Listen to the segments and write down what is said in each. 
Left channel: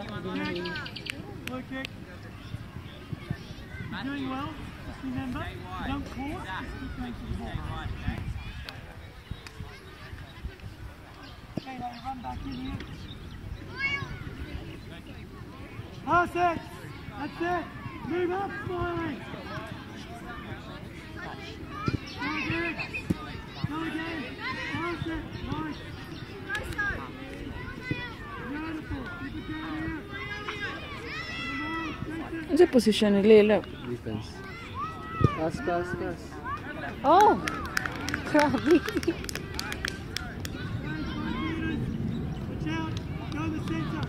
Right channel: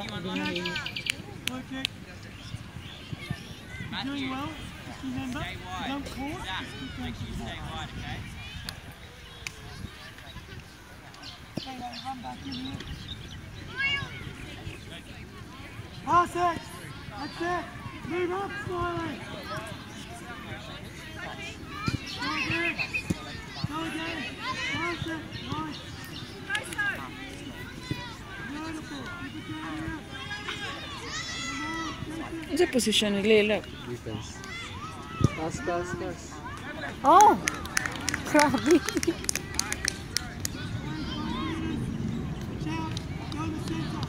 Okay. You're doing well. Just remember, don't pause. Just keep going to the ball. Okay, now you run back in here. Pass it. That's it. Move up, Smiling. Go again. Go again. Pass it. Nice. Beautiful. Keep it down here. Come on, take it. What's the position ni Lila? Defense. Pass. Oh! Grabe. Watch out. Go in the center.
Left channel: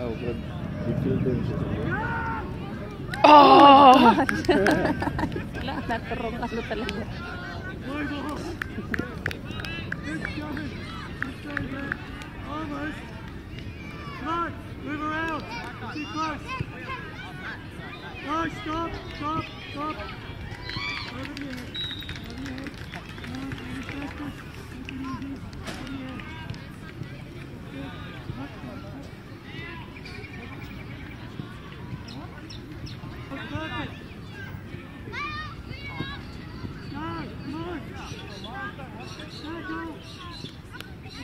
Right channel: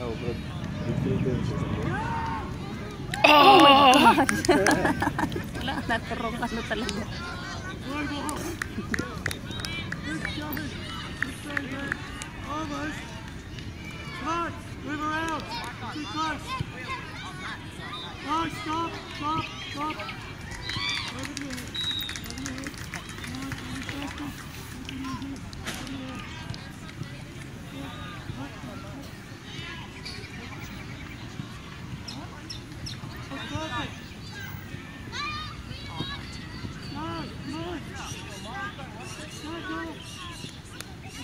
Oh, good. Defense. Oh! Wala, nakarong ano talaga. Play ball. Good coming. Good going there. Almost. Come on. Move around. Too close. No, stop. Over your head. Come on, be faster. Take it easy. Over your head. Good. That's perfect. Go, come on. Go. That's it.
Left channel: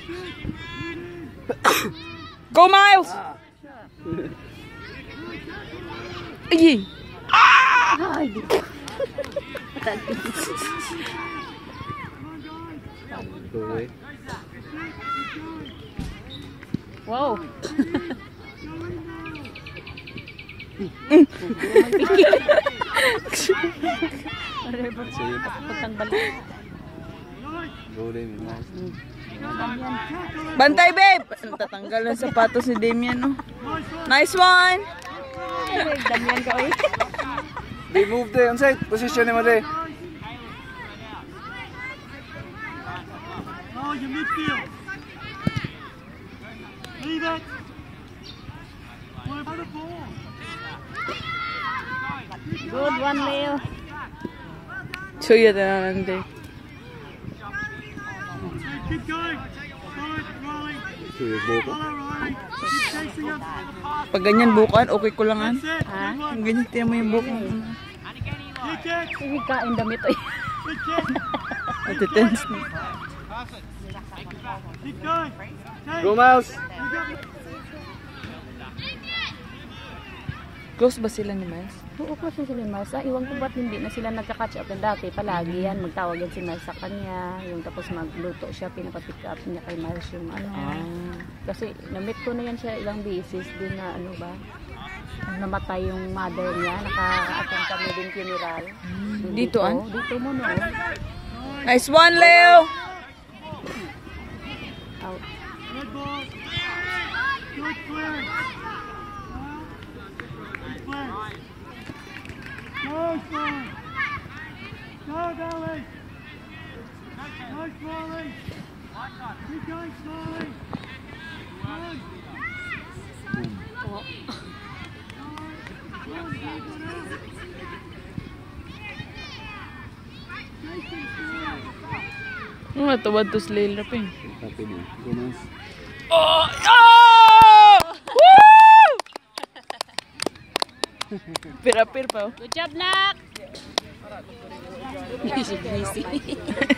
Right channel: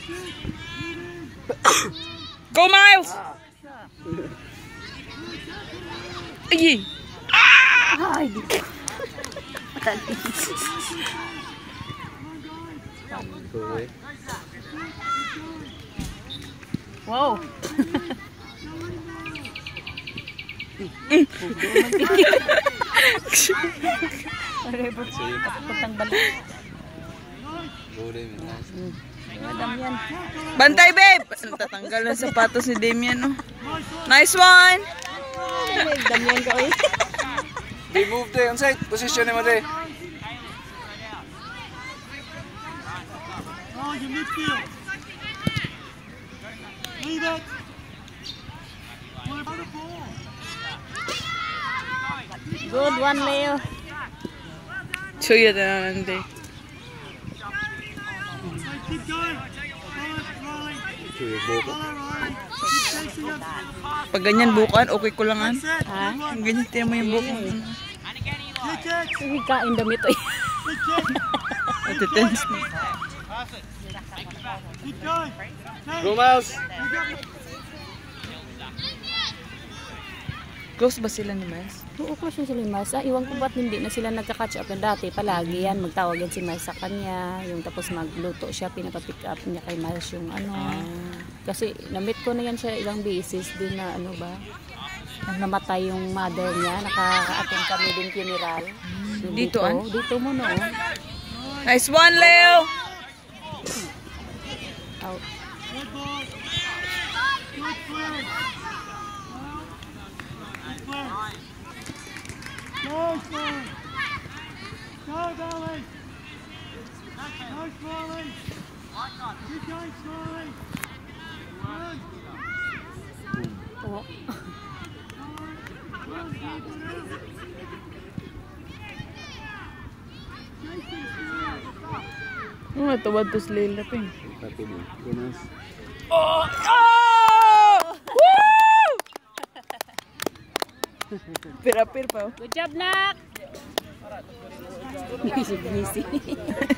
Get in. Go, Miles! Ay! Ay! Go away. Wow! Go Damian. Bantay, babe! Tatanggal ang sapatos ni Damian, no? Nice one! Damian ka, eh. They move there on side. Position mo there. Oh, your midfield. Leave it. What about the ball? Good one, Leo. Suya na naman, Okay, keep going. Follow it, Riley. Follow Riley. Keep chasing him. Pag ganyan bukaan, okay ko lang, an. That's it. Ha? Good one. Yung ganyan, tiyan mo yung buko. Kick it. Sige, kain damit, eh. Good kick. Matitense na. Keep going. Go Miles. You got it. Close ba sila ni Miles? Oo, close sila ni Miles. Iwan ko ba't hindi na sila nagka-catch up yan dati. Palagi yan, magtawag yan si Miles sa kanya. Yung tapos magluto siya, pinapapick up niya kay Miles yung ano. Kasi na-meet ko na yan siya ilang beses din na ano ba. Nang namatay yung mother niya, nakaka-attend kami din funeral. Yung Dito, an? Dito mo na. Nice one, Leo! Out. Red ball. Good clearance. Good clearance. Nice one. Go, Valley. Nice, Smiley. Keep going, Smiley. Run. Oh. Run, keep it out. Jason, Smiley. Ano natawad to si Lila pa, eh. Happy na. Go Miles. Oh! Oh! Woo! Pir-apir pa, oh. Good job, Nak! Busy.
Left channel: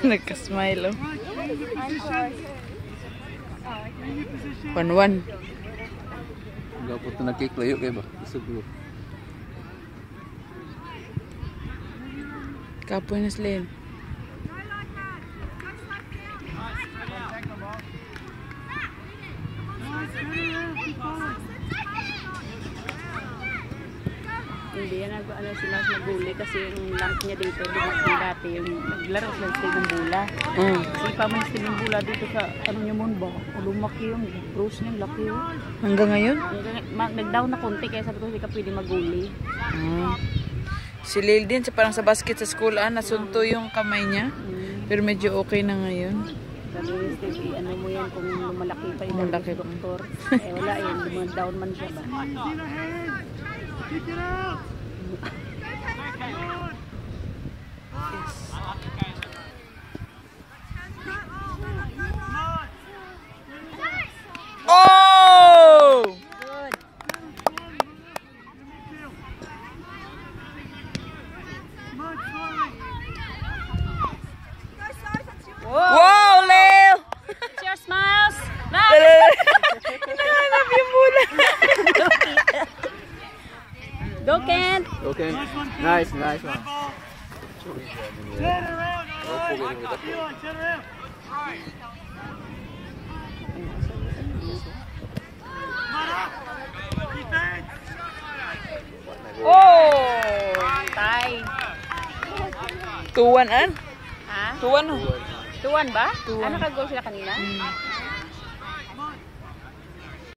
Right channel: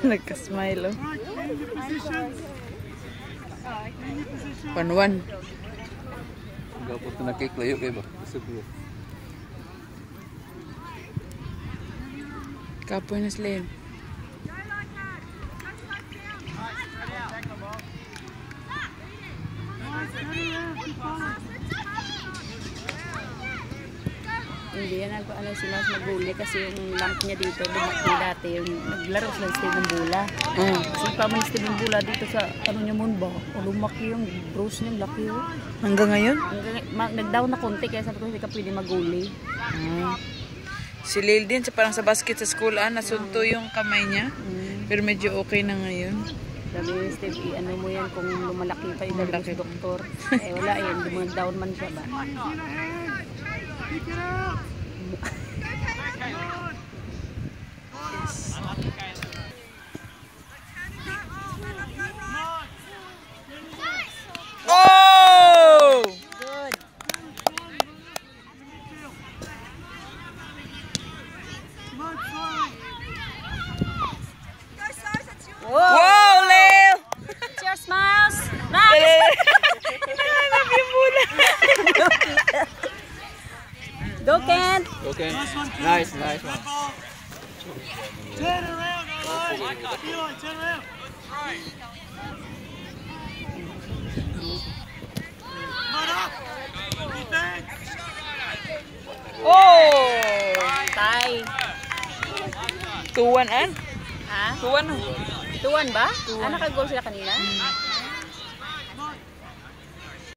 Nagka-smile, oh. Right, change your position. Change your position. 1-1. Dapat ito na-kick layo kayo ba? Gusto ko. Kapoy na sila yun. Nice, turn around, keep following. Hindi yan ano sila sa bully kasi yung lamp niya dito lumaki dati yung naglaro sila sa Steven Bula. Kasi pa man Steven Bula dito sa ano niya mun ba? Lumaki yung bruise niya laki yun. Hanggang ngayon? Nag-down na konti kaya sabi ko hindi ka pwede maguli. Si Lil din, parang sa basket sa school, nasunto yung kamay niya. Pero medyo okay na ngayon. Sabi ni Steve, ano mo yan kung lumalaki pa yung Malaki pa. doktor. Eh wala yan, down man siya. Easy the hands. Kick it out. Come on. okay. Nice one, Cam. Nice Good one. ball. Turn around, alright. Eli, turn around. Mud up. Defense. Oh! Tay. 2-1 an? Ha? 2-1 oh. Tuwan ba? Tuwan. Nakag-goal sila kanina?